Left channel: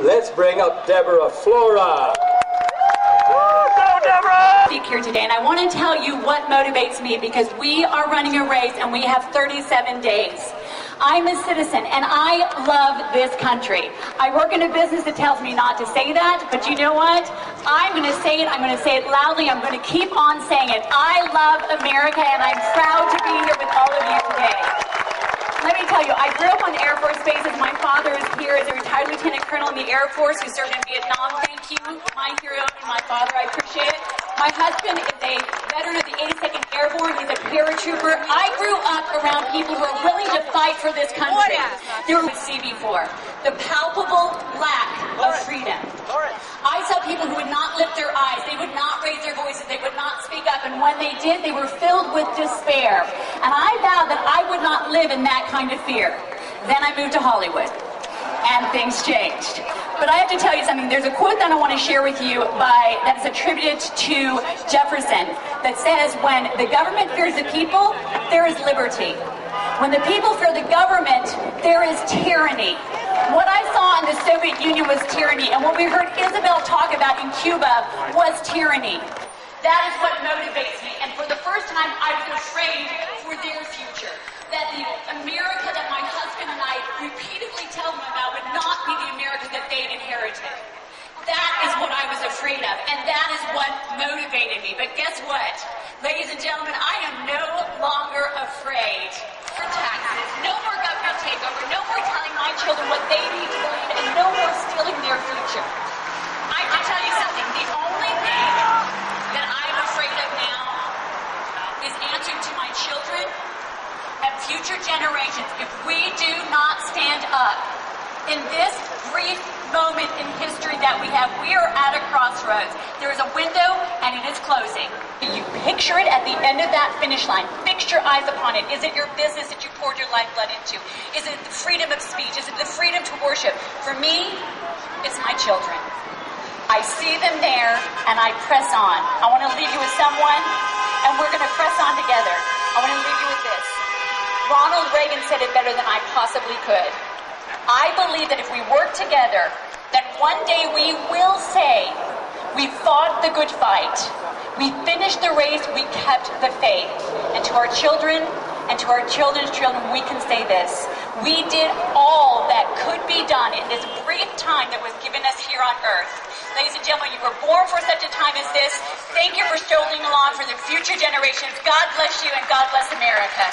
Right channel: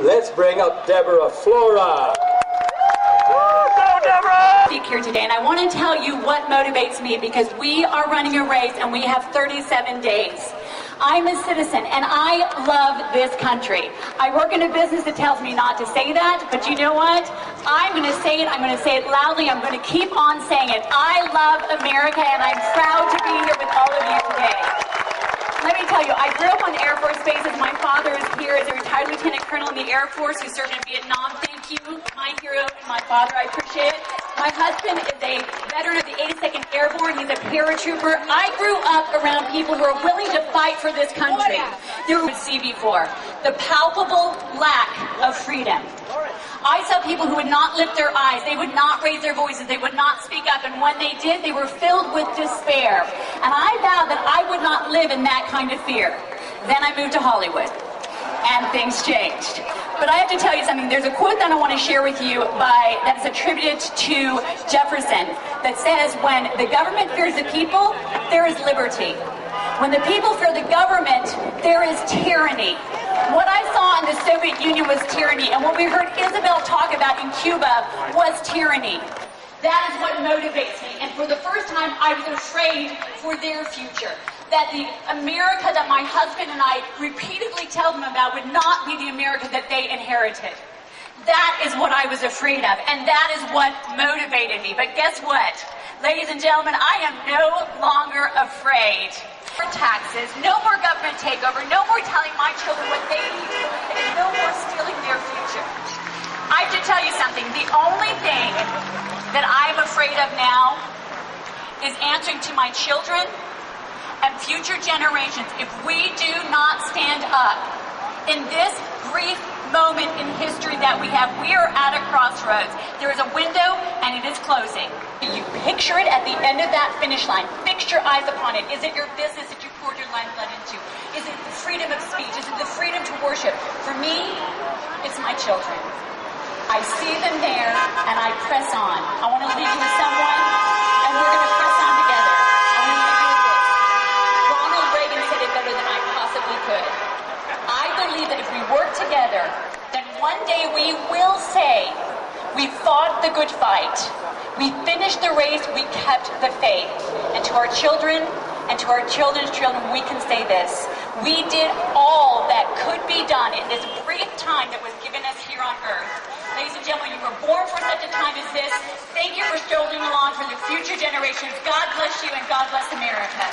Let's bring up Deborah Flora. Speak here today, and I want to tell you what motivates me, because we are running a race and we have 37 days. I'm a citizen and I love this country. I work in a business that tells me not to say that, but you know what? I'm going to say it. I'm going to say it loudly. I'm going to keep on saying it. I love America, and I'm proud to be here with all of you today. Let me tell you, I grew up on Air Force bases. My father is here as a retired lieutenant colonel in the Air Force who served in Vietnam. Thank you, my hero and my father. I appreciate it. My husband is a veteran of the 82nd Airborne. He's a paratrooper. I grew up around people who are willing to fight for this country. There would see before the palpable lack of freedom. I saw people who would not lift their eyes. They would not raise their voices. They would not speak up. And when they did, they were filled with despair. And I vowed that I would not live in that kind of fear. Then I moved to Hollywood, and things changed. But I have to tell you something. There's a quote that I want to share with you that is attributed to Jefferson that says, when the government fears the people, there is liberty. When the people fear the government, there is tyranny. What I saw in the Soviet Union was tyranny, and what we heard Isabel talk about in Cuba was tyranny. That is what motivates me, and for the first time I was afraid for their future. That the America that my husband and I repeatedly tell them about would not be the America that they inherited. That is what I was afraid of, and that is what motivated me. But guess what? Ladies and gentlemen, I am no longer afraid. No taxes, no more government takeover, no more telling my children what they need to believe, and no more stealing their future. I have to tell you something. The only thing that I'm afraid of now is answering to my children and future generations. If we do not stand up in this brief moment in history that we have, we are at a crossroads. There is a window and it is closing. You picture it at the end of that finish line. Fix your eyes upon it. Is it your business that you poured your lifeblood into? Is it the freedom of speech? Is it the freedom to worship? For me, it's my children. I see them there and I press on. I want to leave you with someone, and we're going to press on together. I want to leave you with this. Ronald Reagan said it better than I possibly could. I believe that if we work together, that one day we will say, we fought the good fight. We finished the race. We kept the faith. And to our children and to our children's children, we can say this. We did all that could be done in this brief time that was given us here on earth. Ladies and gentlemen, you were born for such a time as this. Thank you for strolling along for the future generations. God bless you and God bless America.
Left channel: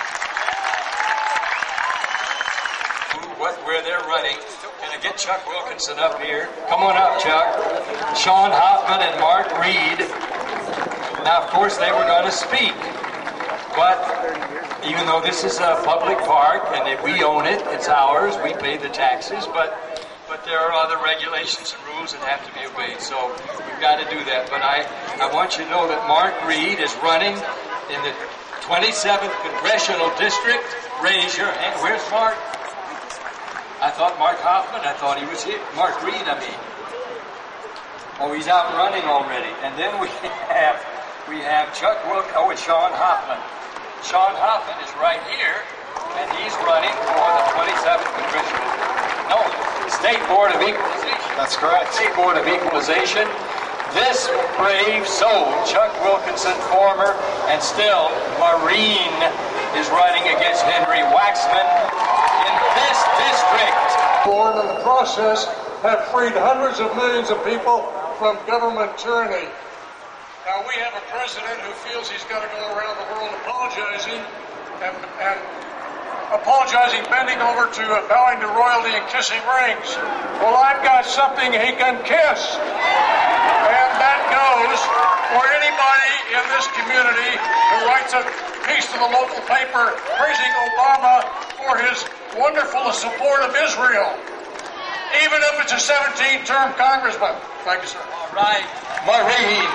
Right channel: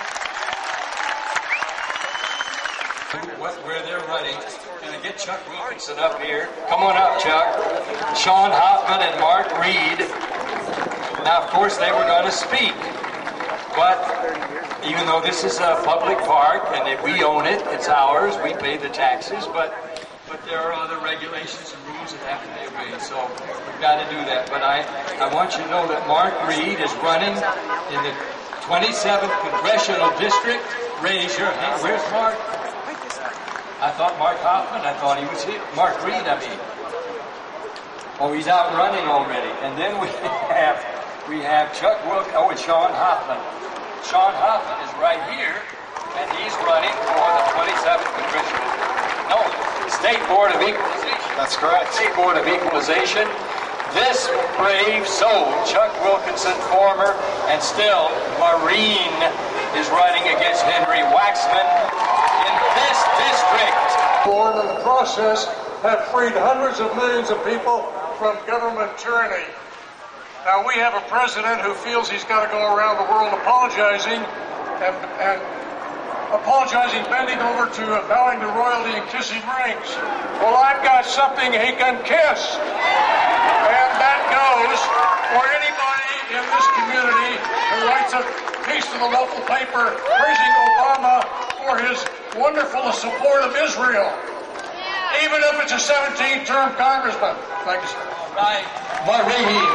Where they're running. Can I get Chuck Wilkinson up here? Come on up, Chuck. Sean Hoffman and Mark Reed. Now, of course, they were going to speak. But even though this is a public park and if we own it, it's ours, we pay the taxes, but there are other regulations and rules that have to be obeyed. So we've got to do that. But I want you to know that Mark Reed is running in the 27th Congressional District. Raise your hand. Where's Mark? I thought Mark Hoffman. I thought he was here. Mark Reed, I mean. Oh, he's out running already. And then we have Chuck Wilk. Oh, it's Sean Hoffman. Sean Hoffman is right here, and he's running for the 27th Congressional. No, State Board of Equalization. That's correct. State Board of Equalization. This brave soul, Chuck Wilkinson, former and still Marine, is running against Henry Waxman in this district. Born in the process have freed hundreds of millions of people from government tyranny. Now we have a president who feels he's got to go around the world apologizing and apologizing, bending over to bowing to royalty and kissing rings. Well, I've got something he can kiss. And that goes for anybody in this community who writes a piece to the local paper praising Obama for his wonderful support of Israel. Even if it's a 17-term congressman. Thank you, sir. All right. Maureen.